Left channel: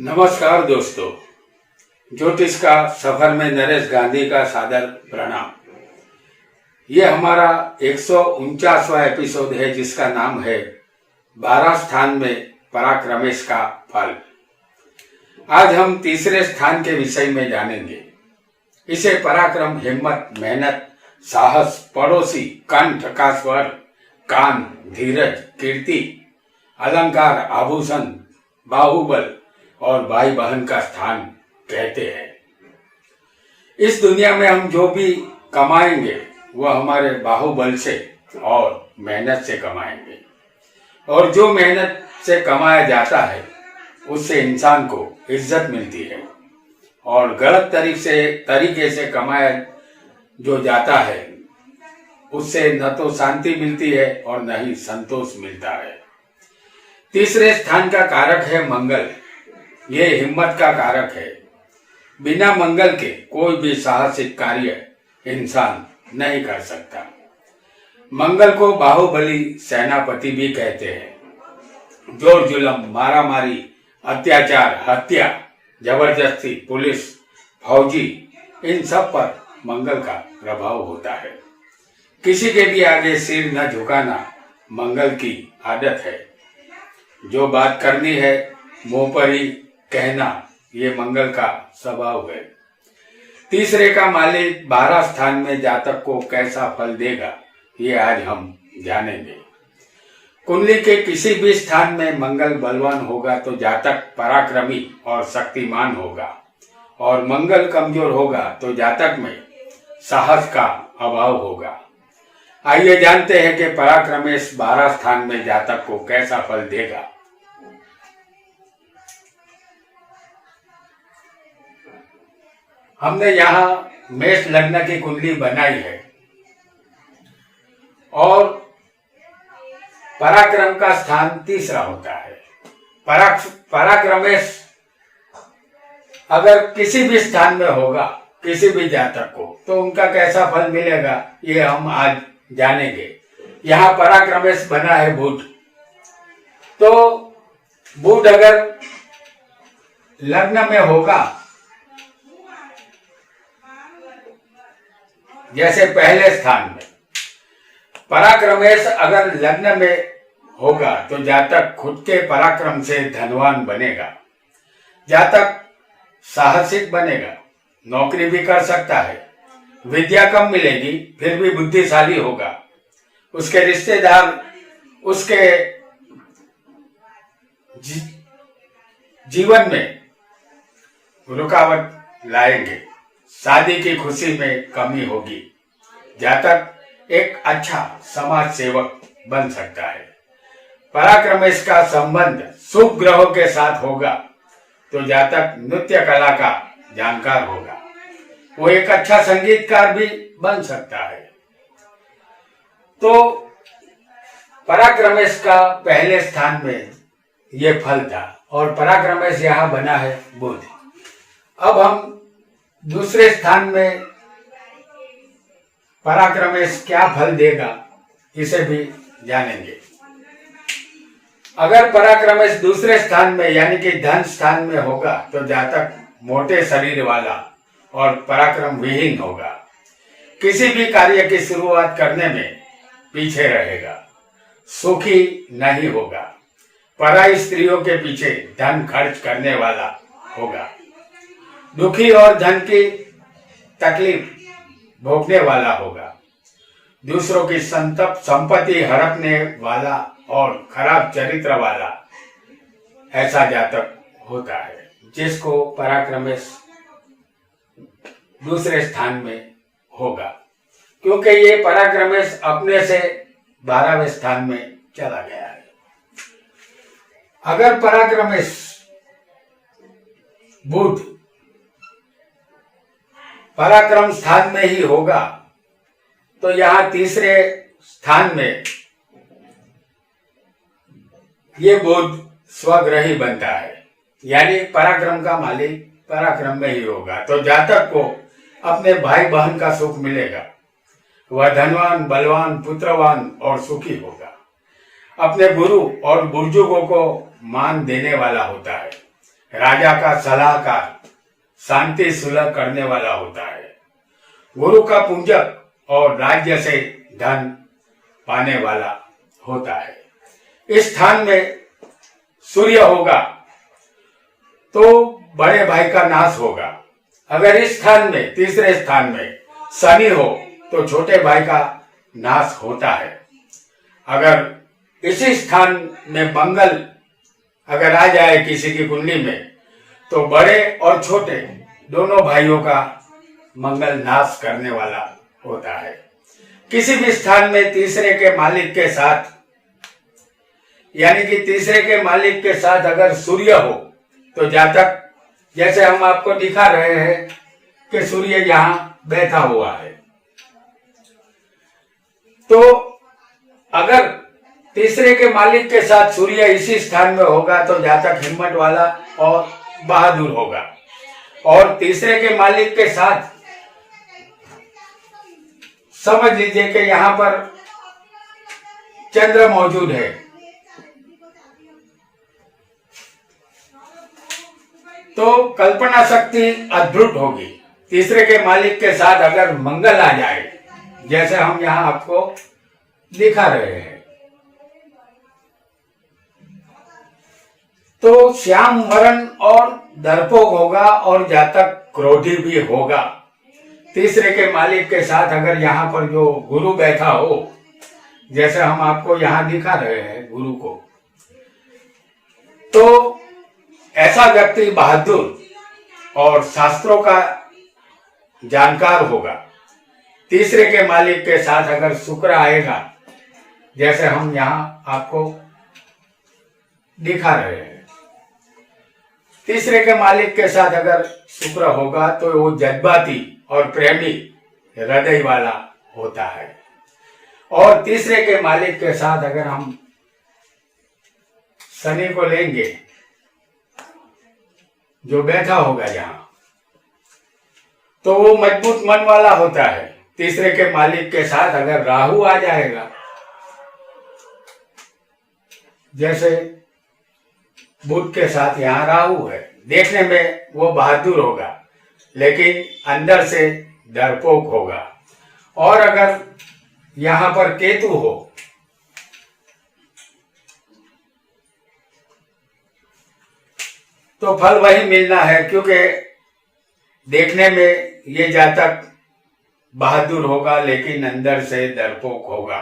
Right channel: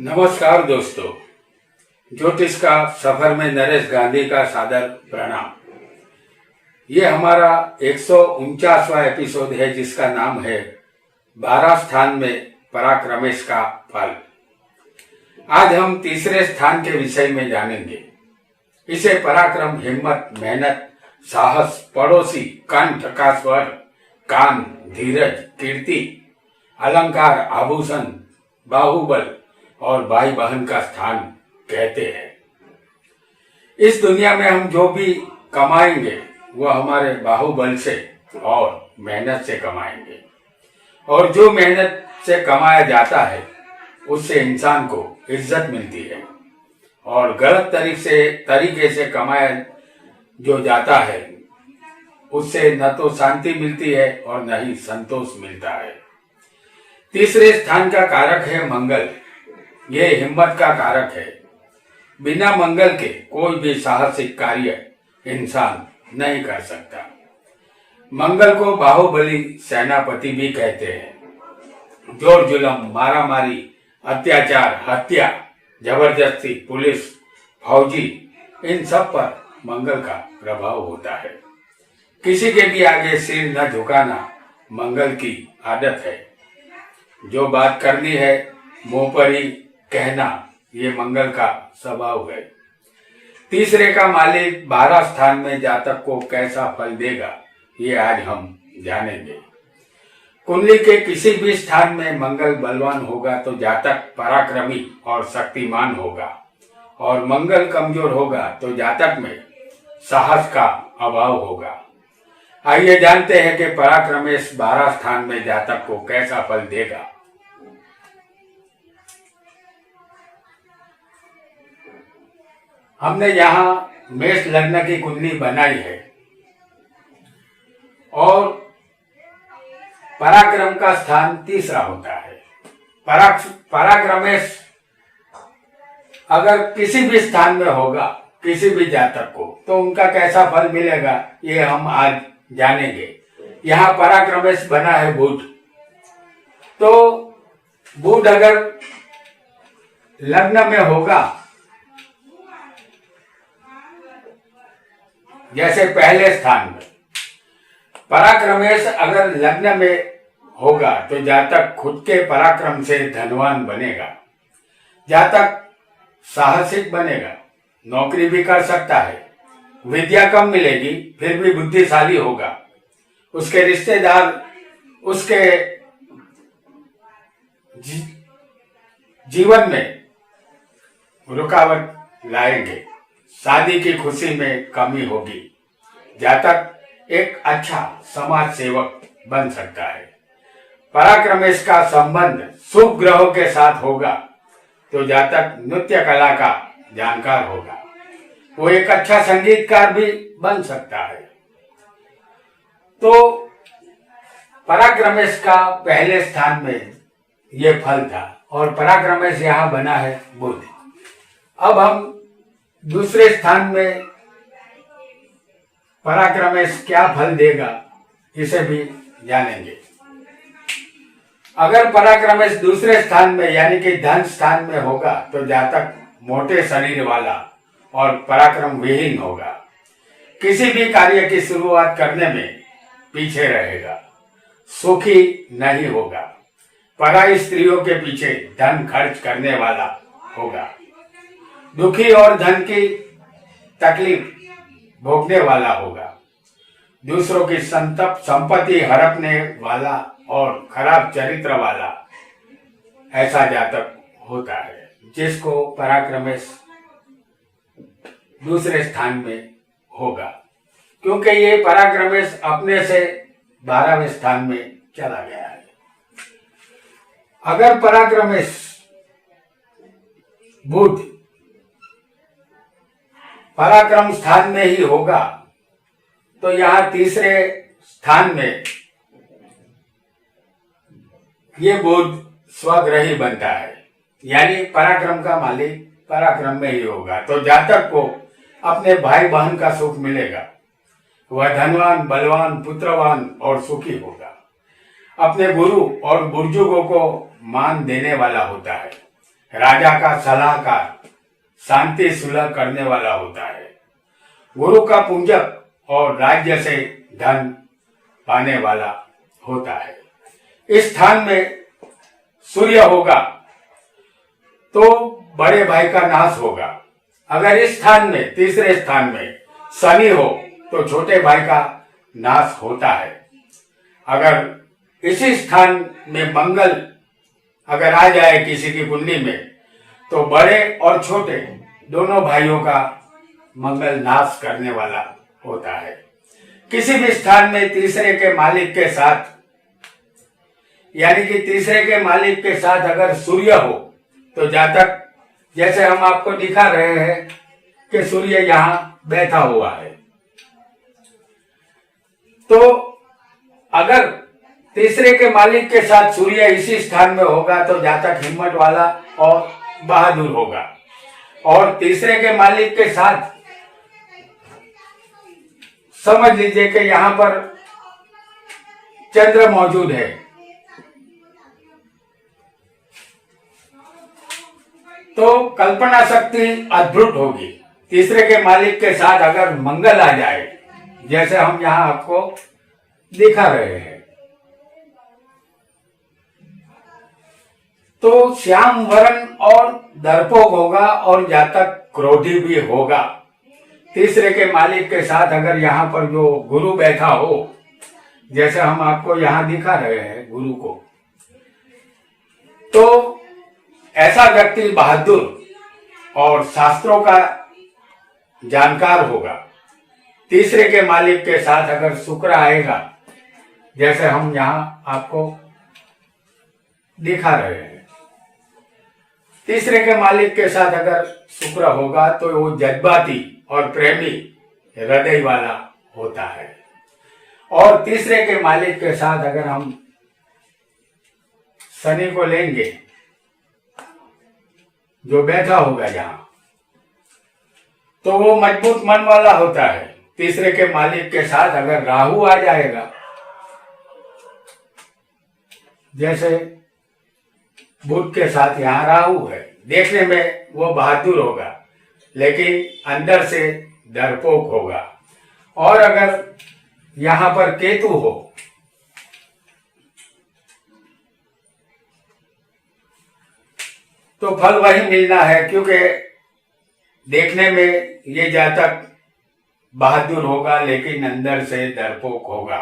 नमस्कार दोस्तों, ज्योतिष का सफर में नरेश गांधी का सादर प्रणाम। ये हमारा 149वां एपिसोड है जिसका नाम है 12 स्थान में पराक्रमेश का फल। आज हम तीसरे स्थान के विषय में जानेंगे। इसे पराक्रम, हिम्मत, मेहनत, साहस, पड़ोसी, कंठ का स्वर, कान, धीरज, कीर्ति, अलंकार, आभूषण, बाहुबल और भाई बहन का स्थान कहते हैं। इस दुनिया में हम जो भी कमाएंगे वह हमारे बाहुबल से और मेहनत से कमाएंगे, और जो मेहनत से कमाया जाता है उससे इंसान को इज्जत मिलती है, और गलत तरीके से कमाया जो जाता है उससे न तो शांति मिलती है और न ही संतोष मिलता है। तीसरे स्थान का कारक है मंगल। ये हिम्मत का कारक है। बिना मंगल के कोई भी साहसिक कार्य इंसान नहीं कर सकता। मंगल को बाहुबली सेनापति भी कहते हैं। जोर जुलम, मारामारी, अत्याचार, हत्या, जबरदस्ती, पुलिस, फौजी, इन सब पर मंगल का प्रभाव होता है। किसी के भी आगे सिर न झुकाना मंगल की आदत है। जो बात करनी है मुंह पर ही कहना, ये मंगल का स्वभाव है। तीसरे का मालिक 12 स्थान में जातक को कैसा फल देगा, ये आज हम जानेंगे। कुंडली के किसी भी स्थान में मंगल बलवान होगा तो जातक पराक्रमी और शक्तिमान होगा, और मंगल कमजोर होगा तो जातक में साहस का अभाव होगा। आइए जानते हैं कि पराक्रमेश 12 स्थान में जातक को कैसा फल देगा। हमने यहाँ मेष लग्न की कुंडली बनाई है, और पराक्रम का स्थान तीसरा होता है। पराक्रमेश अगर किसी भी स्थान में होगा किसी भी जातक को, तो उनका कैसा फल मिलेगा ये हम आज जानेंगे। यहाँ पराक्रमेश बना है बुध, तो बुध अगर लग्न में होगा, जैसे पहले स्थान में पराक्रमेश अगर लग्न में होगा तो जातक खुद के पराक्रम से धनवान बनेगा। जातक साहसिक बनेगा, नौकरी भी कर सकता है, विद्या कम मिलेगी फिर भी बुद्धिशाली होगा। उसके रिश्तेदार उसके जीवन में रुकावट लाएंगे, शादी की खुशी में कमी होगी। जातक एक अच्छा समाज सेवक बन सकता है। पराक्रमेश का संबंध शुभ ग्रहों के साथ होगा तो जातक नृत्य कला का जानकार होगा। वो एक अच्छा संगीतकार भी बन सकता है। तो पराक्रमेश का पहले स्थान में ये फल था, और पराक्रमेश यहाँ बना है बुध। अब हम दूसरे स्थान में पराक्रमेश क्या फल देगा इसे भी जानेंगे। अगर पराक्रमेश दूसरे स्थान में यानी कि धन स्थान में होगा तो जातक मोटे शरीर वाला और पराक्रम विहीन होगा। किसी भी कार्य की शुरुआत करने में पीछे रहेगा, सुखी नहीं होगा, पराई स्त्रियों के पीछे धन खर्च करने वाला होगा, दुखी और धन की तकलीफ भोगने वाला होगा, दूसरों की संपत्ति हड़पने वाला और खराब चरित्र वाला ऐसा जातक होता है जिसको पराक्रमेश दूसरे स्थान में होगा, क्योंकि ये पराक्रमेश अपने से 12वें स्थान में चला गया है। अगर पराक्रमेश बुध पराक्रम स्थान में ही होगा तो यहाँ तीसरे स्थान में ये बुध स्वग्रही बनता है, यानी पराक्रम का मालिक पराक्रम में ही होगा तो जातक को अपने भाई बहन का सुख मिलेगा। वह धनवान, बलवान, पुत्रवान और सुखी होगा। अपने गुरु और बुजुर्गों को मान देने वाला होता है। राजा का सलाहकार, शांति सुलह करने वाला होता है। गुरु का पूजक और राज्य से धन पाने वाला होता है। इस स्थान में सूर्य होगा तो बड़े भाई का नाश होगा। अगर इस स्थान में, तीसरे स्थान में शनि हो तो छोटे भाई का नाश होता है। अगर इसी स्थान में मंगल अगर आ जाए किसी की कुंडली में तो बड़े और छोटे दोनों भाइयों का मंगल नाश करने वाला होता है। किसी भी स्थान में तीसरे के मालिक के साथ, यानी कि तीसरे के मालिक के साथ अगर सूर्य हो तो जातक, जैसे हम आपको दिखा रहे हैं कि सूर्य यहां बैठा हुआ है, तो अगर तीसरे के मालिक के साथ सूर्य इसी स्थान में होगा तो जातक हिम्मत वाला और बहादुर होगा। और तीसरे के मालिक के साथ समझ लीजिए कि यहां पर चंद्र मौजूद है, तो कल्पना शक्ति अद्भुत होगी। तीसरे के मालिक के साथ अगर मंगल आ जाए, जैसे हम यहां आपको दिखा रहे हैं, तो श्याम वरण और दर्पोक होगा और जातक क्रोधी भी होगा। तीसरे के मालिक के साथ अगर यहाँ पर जो गुरु बैठा हो, जैसे हम आपको यहाँ दिखा रहे हैं गुरु को, तो ऐसा व्यक्ति बहादुर और शास्त्रों का जानकार होगा। तीसरे के मालिक के साथ अगर शुक्र आएगा, जैसे हम यहाँ आपको दिखा रहे हैं, तीसरे के मालिक के साथ अगर शुक्र होगा तो वो जज्बाती और प्रेमी हृदय वाला होता है। और तीसरे के मालिक के साथ अगर हम शनि को लेंगे जो बैठा होगा जहां, तो वो मजबूत मन वाला होता है। तीसरे के मालिक के साथ अगर राहु आ जाएगा, जैसे बुध के साथ यहाँ राहु है, देखने में वो बहादुर होगा लेकिन अंदर से डरपोक होगा। और अगर यहाँ पर केतु हो तो फल वही मिलना है, क्योंकि देखने में ये जातक बहादुर होगा लेकिन अंदर से डरपोक होगा।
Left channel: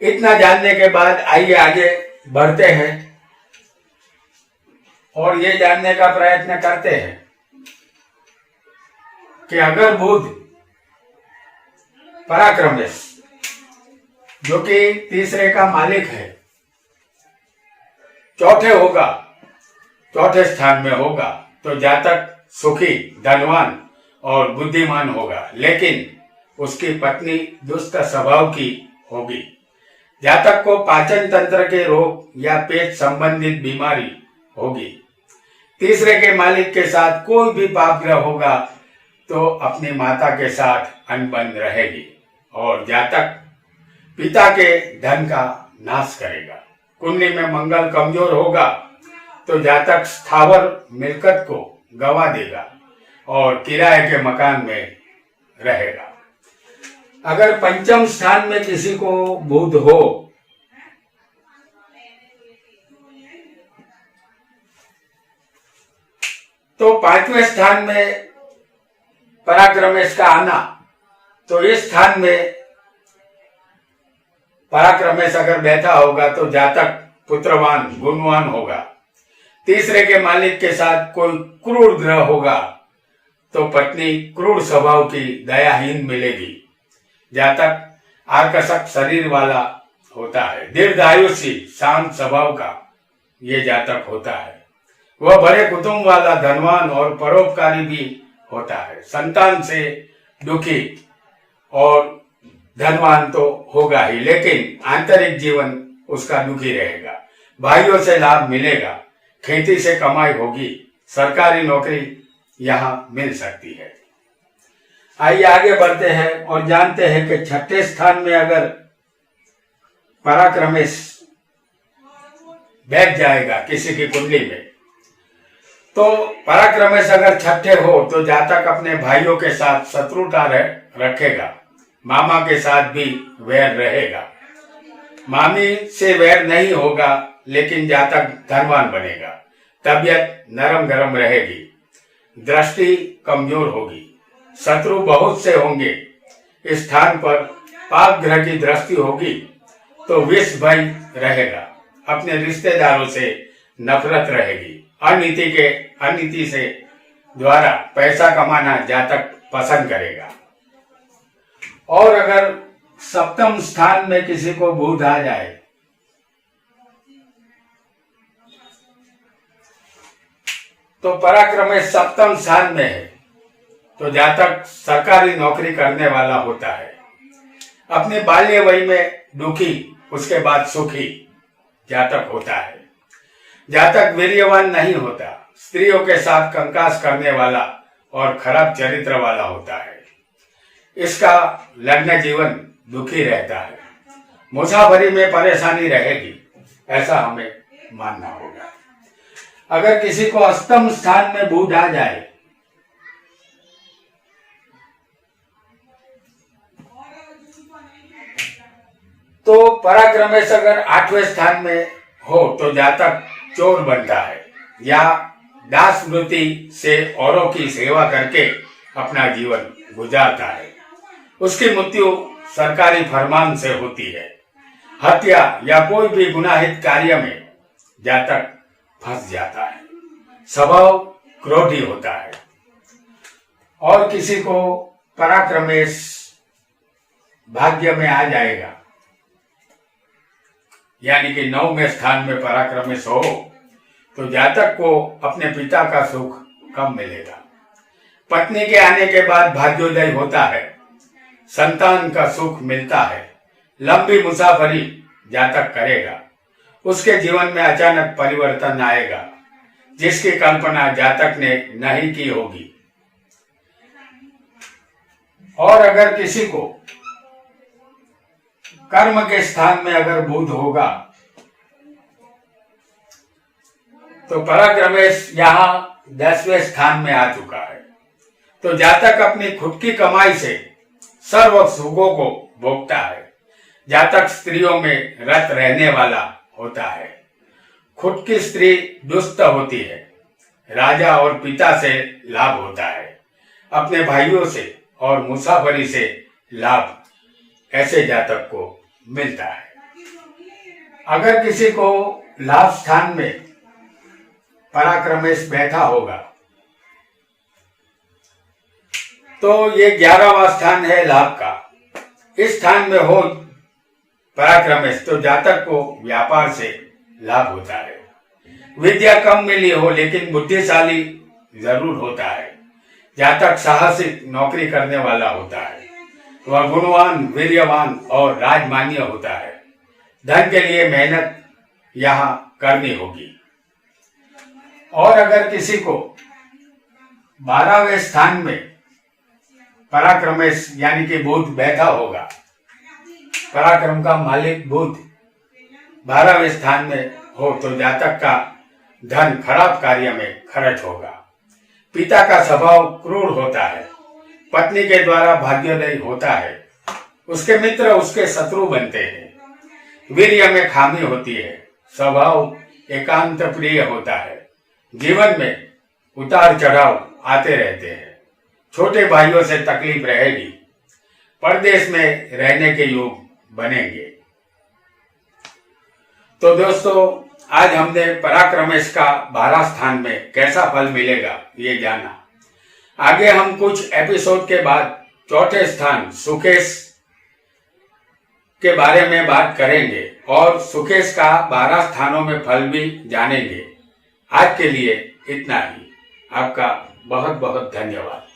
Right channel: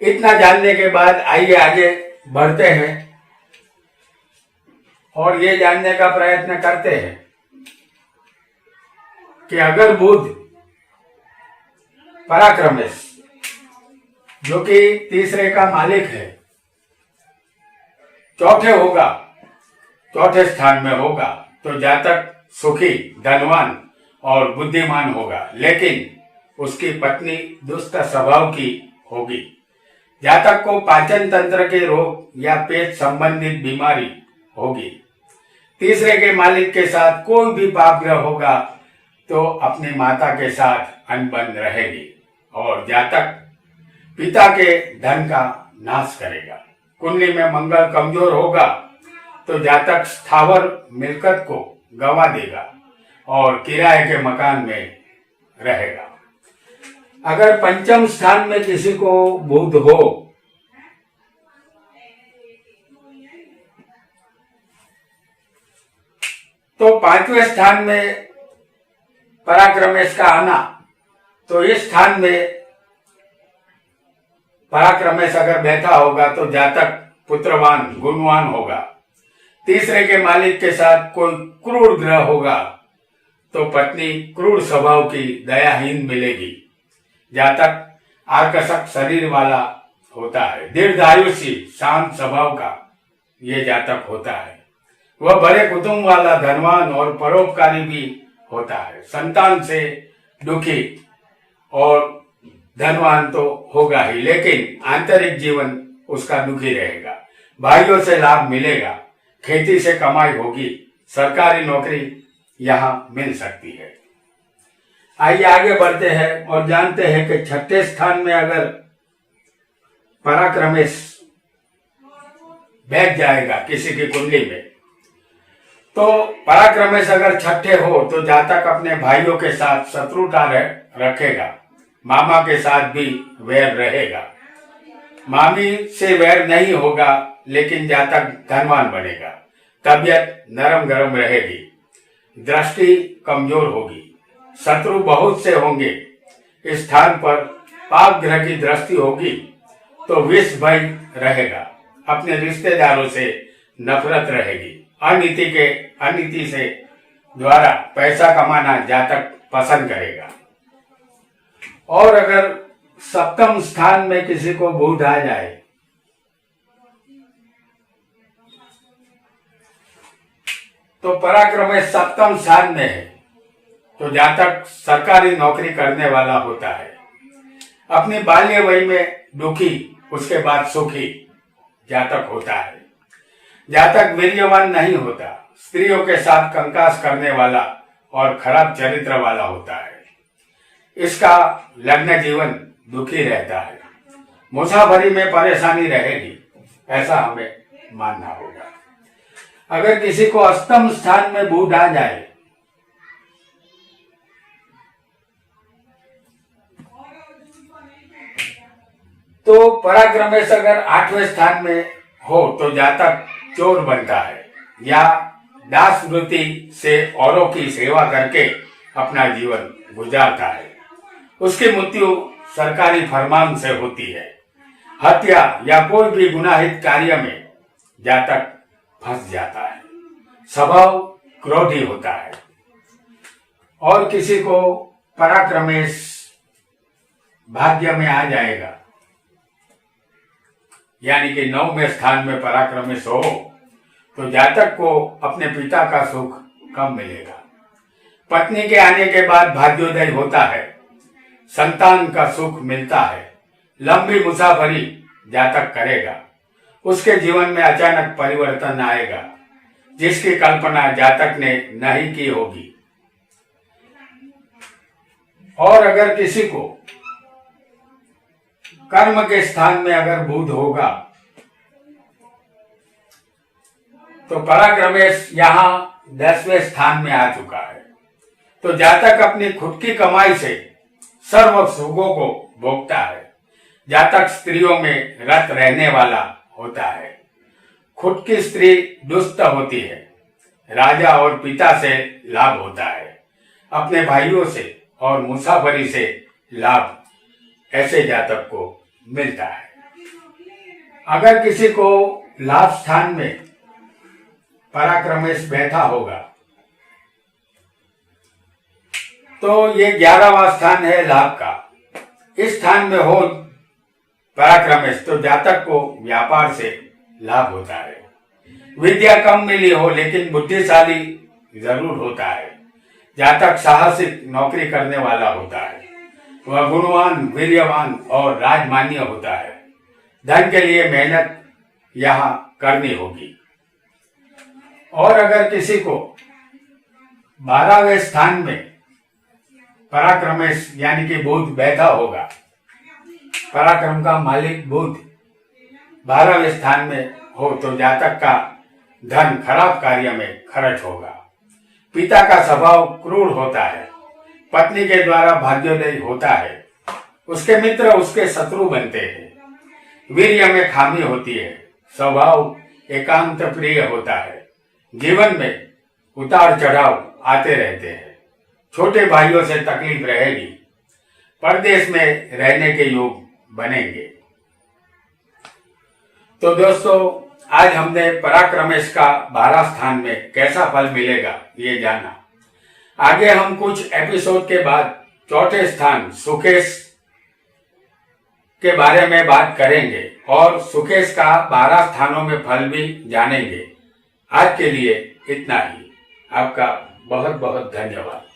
इतना जानने के बाद आइए आगे बढ़ते हैं और ये जानने का प्रयत्न करते हैं कि अगर बुध पराक्रमेश, जो कि तीसरे का मालिक है, चौथे होगा, चौथे स्थान में होगा, तो जातक सुखी, धनवान और बुद्धिमान होगा, लेकिन उसकी पत्नी दुष्ट स्वभाव की होगी। जातक को पाचन तंत्र के रोग या पेट संबंधित बीमारी होगी। तीसरे के मालिक के साथ कोई भी पाप ग्रह होगा तो अपनी माता के साथ अनबन रहेगी और जातक पिता के धन का नाश करेगा। कुंडली में मंगल कमजोर होगा तो जातक स्थावर मिलकत को गवा देगा और किराए के मकान में रहेगा। अगर पंचम स्थान में किसी को बुध हो तो पांचवें स्थान में पराक्रमेश का आना, तो इस स्थान में पराक्रमेश अगर बैठा होगा तो जातक पुत्रवान, गुणवान होगा। तीसरे के मालिक के साथ कोई क्रूर ग्रह होगा तो पत्नी क्रूर स्वभाव की, दयाहीन मिलेगी। जातक आकर्षक शरीर वाला होता है, दीर्घायुषी, शांत स्वभाव का ये जातक होता है। वह बड़े कुटुंब वाला, धनवान और परोपकारी भी होता है। संतान से दुखी और धनवान तो होगा ही, लेकिन आंतरिक जीवन उसका दुखी रहेगा। भाइयों से लाभ मिलेगा, खेती से कमाई होगी, सरकारी नौकरी यहाँ मिल सकती है। आइए आगे बढ़ते हैं और जानते हैं कि छठे स्थान में अगर पराक्रमेश बैठ जाएगा किसी की कुंडली में तो पराक्रमेश अगर छठे हो तो जातक अपने भाइयों के साथ शत्रुता रखेगा, मामा के साथ भी वैर रहेगा। मामी से वैर नहीं होगा, लेकिन जातक धनवान बनेगा। तबीयत नरम गरम रहेगी, दृष्टि कमजोर होगी, शत्रु बहुत से होंगे। इस स्थान पर पाप ग्रह की दृष्टि होगी तो विष भय रहेगा। अपने रिश्तेदारों से नफरत रहेगी। अनीति से द्वारा पैसा कमाना जातक पसंद करेगा। और अगर सप्तम स्थान में किसी को बुध आ जाए तो पराक्रमेश सप्तम स्थान में है तो जातक सरकारी नौकरी करने वाला होता है। अपने बाल्य वय में दुखी, उसके बाद सुखी जातक होता है। जातक वीर्यवान नहीं होता, स्त्रियों के साथ कंकास करने वाला और खराब चरित्र वाला होता है। इसका लग्न जीवन दुखी रहता है, मुसाफरी में परेशानी रहेगी, ऐसा हमें मानना होगा। अगर किसी को अष्टम स्थान में बुध आ जाए तो पराक्रमेश अगर आठवें स्थान में हो तो जातक चोर बनता है या दास वृत्ति से औरों की सेवा करके अपना जीवन गुजारता है। उसकी मृत्यु सरकारी फरमान से होती है। हत्या या कोई भी गुनाहित कार्य में जातक फंस जाता है। स्वभाव क्रोधी होता है। और किसी को पराक्रमेश भाग्य में आ जाएगा, यानी कि 9वें स्थान में पराक्रमेश हो तो जातक को अपने पिता का सुख कम मिलेगा। पत्नी के आने के बाद भाग्योदय होता है, संतान का सुख मिलता है। लंबी मुसाफरी जातक करेगा, उसके जीवन में अचानक परिवर्तन आएगा जिसकी कल्पना जातक ने नहीं की होगी। और अगर किसी को कर्म के स्थान में अगर बुध होगा तो पराक्रमेश यहाँ 10वें स्थान में आ चुका है तो जातक अपनी खुद की कमाई से सर्व सुखों को भोगता है। जातक स्त्रियों में रत रहने वाला होता है। खुद की स्त्री दुष्ट होती है। राजा और पिता से लाभ होता है। अपने भाइयों से और मुसाफरी से लाभ ऐसे जातक को मिलता है। अगर किसी को लाभ स्थान में पराक्रमेश बैठा होगा तो ये 11वां स्थान है लाभ का। इस स्थान में हो पराक्रमेश तो जातक को व्यापार से लाभ होता है। विद्या कम मिली हो लेकिन बुद्धिशाली जरूर होता है। जातक साहसिक नौकरी करने वाला होता है। वह गुणवान, वीर्यवान और राजमान्य होता है। धन के लिए मेहनत यहाँ करनी होगी। और अगर किसी को 12वें स्थान में पराक्रमेश यानी कि बुध बैठा होगा, पराक्रम का मालिक बुध 12वें स्थान में हो तो जातक का धन खराब कार्य में खर्च होगा। पिता का स्वभाव क्रूर होता है। पत्नी के द्वारा भाग्योदय होता है। उसके मित्र उसके शत्रु बनते हैं। वीर्य में खामी होती है। स्वभाव एकांत प्रिय होता है। जीवन में उतार चढ़ाव आते रहते हैं। छोटे भाइयों से तकलीफ रहेगी। परदेश में रहने के योग बनेंगे। तो दोस्तों, आज हमने पराक्रमेश का 12 स्थान में कैसा फल मिलेगा ये जाना। आगे हम कुछ एपिसोड के बाद चौथे स्थान सुकेश के बारे में बात करेंगे और सुकेश का 12 स्थानों में फल भी जानेंगे। आज के लिए इतना ही। आपका बहुत बहुत धन्यवाद।